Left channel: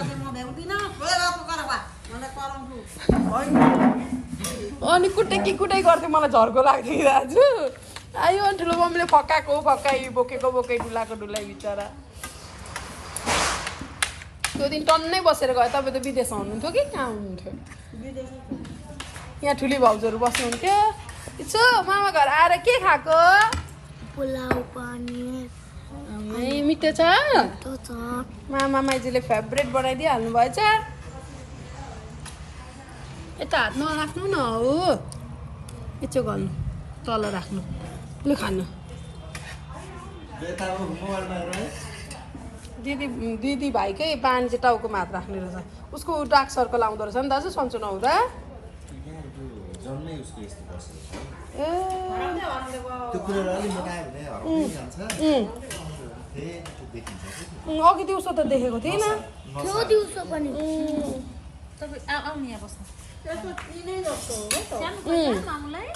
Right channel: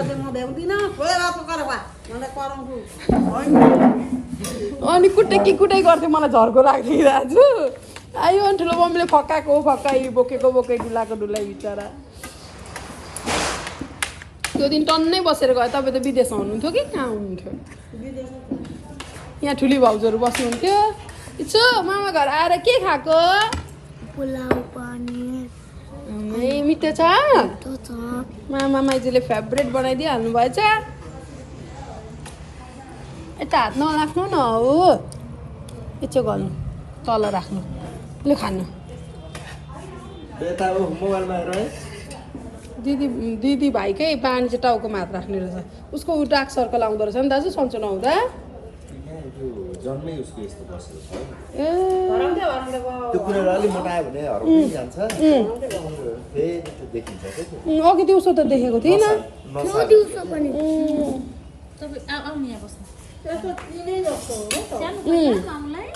गर्दै म भ्याउँदिनँ गएर पकाएर भए मलाई कराउँछु अनि कुटाइ गर्दै मलाई झर्को लाग्थ्यो कि दाजु आयो अनि ठुलो मम्मीले फकाई बोकेको डुलाको डुलाइ बिचरा त्यो दिन टन्नै बसेर गयो तपाईँ त विदेशमा हुनुहुन्थ्यो कि कहाँ हुनुहुन्थ्यो यहाँ ठुली भाउजूहरू बस्नुहुन्थ्यो यसो मामा घर आएर के खाएको पुलाउ पनिर मिठो छ तो छ मामा माइजूले फेभरेट बनाइदिइहाल्नु भएछ यता हात नराख्नु न हो यसो गर्नु तल राख्नु लु खानु दिदी भाइकै पानी चाहिँ टाउकोमा हात राख्ने रहेछ उसको डार्क सर्कल आउँदो रहेछ नि दाजु सन्चो नहुँदा जन्मै उसको यस्तो बसेको छ ए त्यो कुरा अलि मोटायो भने हराउँदै जान्छ फेरि देखिन्छ क्या अघि दिउँसो त देखेको थिइनँ त्यो दिउँसो पनि तपाईँ आउनु यहाँ बस्नु त्यसको तिनै जस्तो हो नि त सानो पर्छ मामुलाई